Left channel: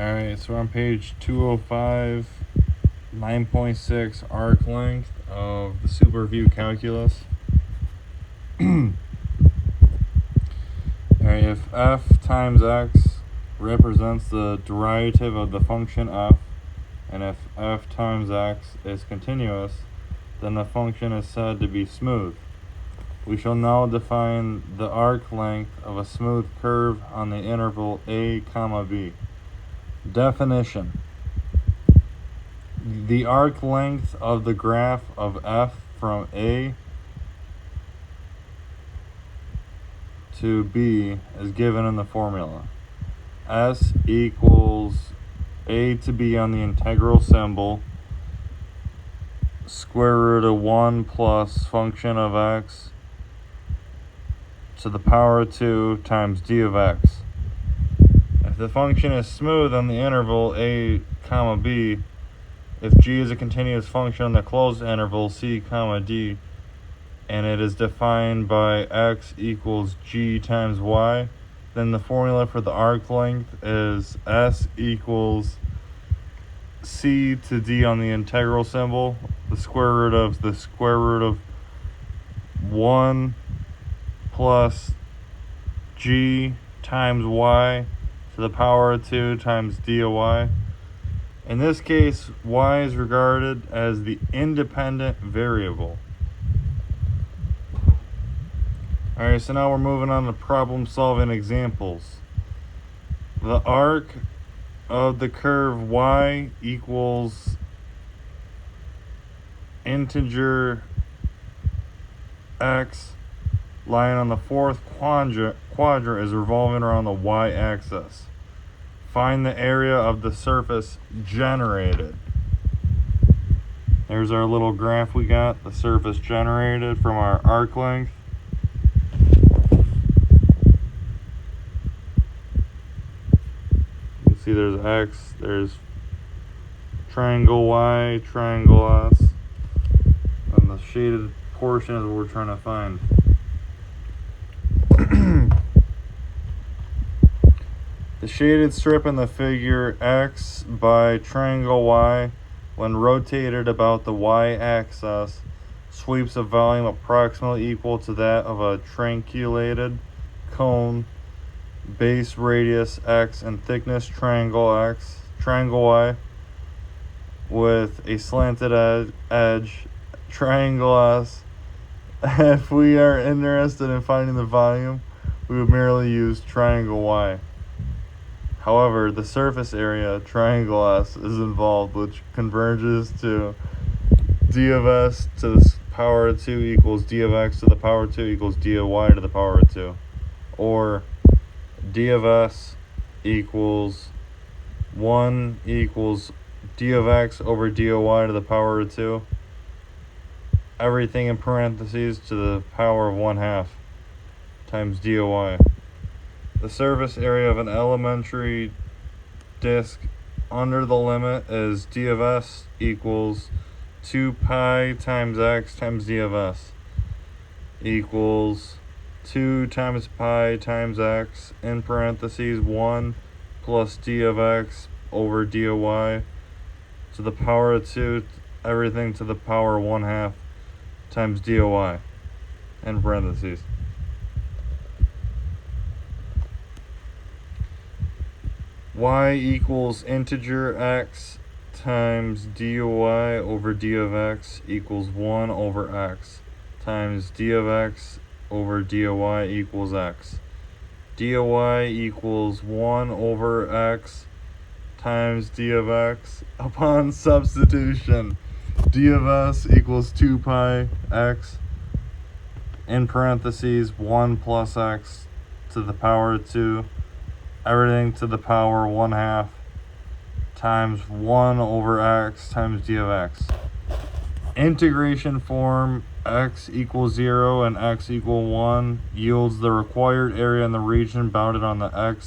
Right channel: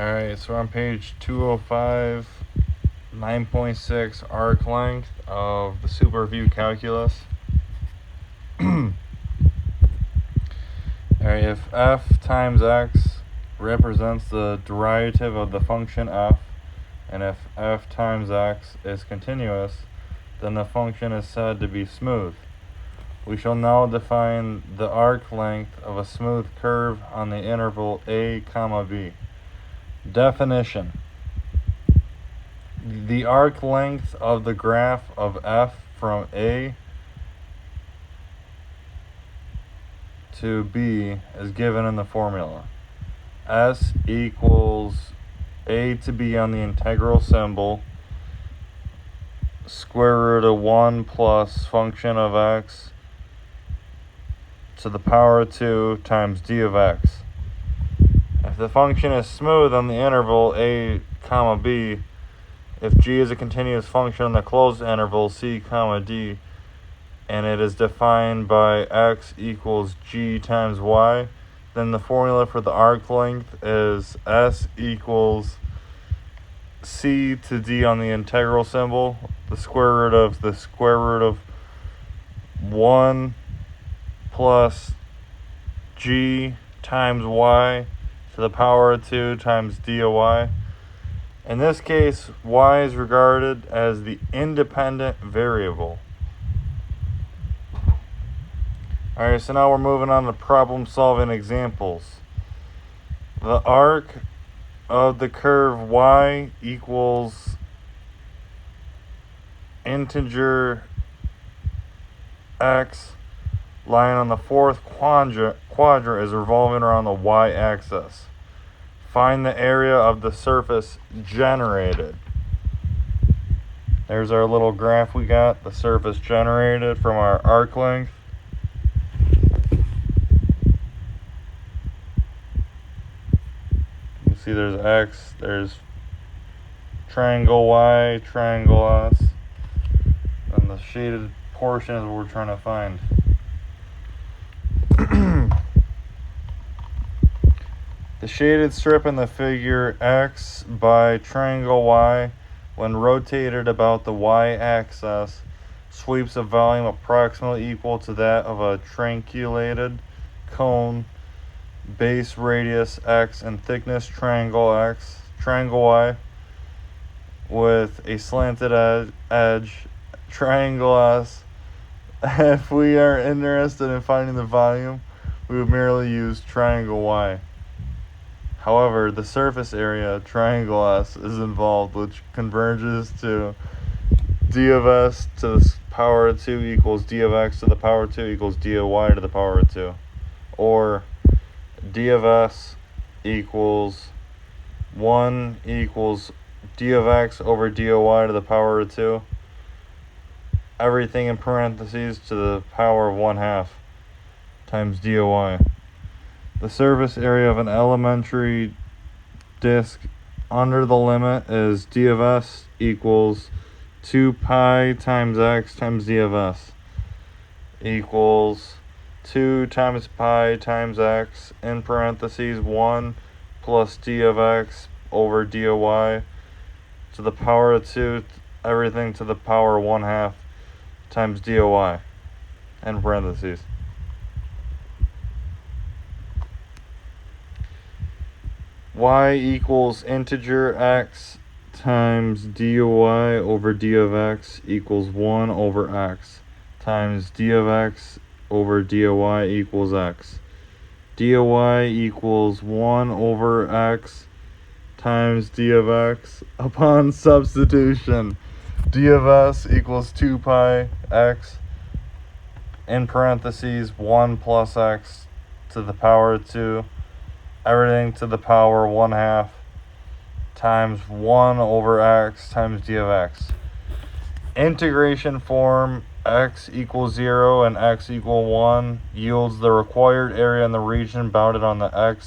Alright, so on page 205, 9.6 arc length of the Superview calculus. Alright, if f times x represents the derivative of the function f, and if f times x is continuous, then the function is said to be smooth. We shall now define the arc length of a smooth curve on the interval a comma b. Definition: the arc length of the graph of f from a to b is given in the formula. S equals a to b on the integral symbol, square root of 1 plus function of x to the power of 2 times d of x. If the function is smooth on the interval a comma b, if g is a continuous function on the closed interval c comma d, and it is defined by x equals g times y, then the formula for the arc length is s equals c to d on the integral symbol, the square root of 1 plus g times y to the power of 2 times d of y. In this case, y is regarded as the independent variable. Alright, so now we're moving on to problem solving examples. The arc of the curve y equals integer x lying on the fourth quadrant is revolving around the y-axis. Find the area of the surface generated. There's our little graph we got, the surface generated from our arc length. You see there's x, there's triangle y, triangle s, and the shaded portion is what we're trying to find. The shaded strip in the figure x by triangle y, when rotated about the y-axis, sweeps a volume approximately equal to that of a trunculated cone, base radius x and thickness triangle y, with a slanted edge, triangle s. If we are interested in finding the volume, we would merely use triangle y. However, the surface area, triangle s, is involved, which converges to d of s to the power of 2 equals d of x to the power of 2 equals d of y to the power of 2. Or d of s equals 1 equals d of x over d of y to the power of 2. Everything in parentheses to the power of 1/2 times d of y. The surface area of an elementary disk under the limit is d of s equals 2 pi times x times d of s equals 2 times pi times x in parentheses 1 plus d of x over d of y to the power of 2, everything to the power of 1/2 times d of y in parentheses. Y equals integer x times d of y over d of x equals 1 over x times d of x over d of y equals x. D of y equals 1 over x times d of x. Upon substitution, d of s equals 2 pi x in parentheses 1 plus x to the power of 2, everything to the power 1/2 times 1 over x times d of x. Integration form x equals 0 and x equal 1 yields the required area in the region bounded on the x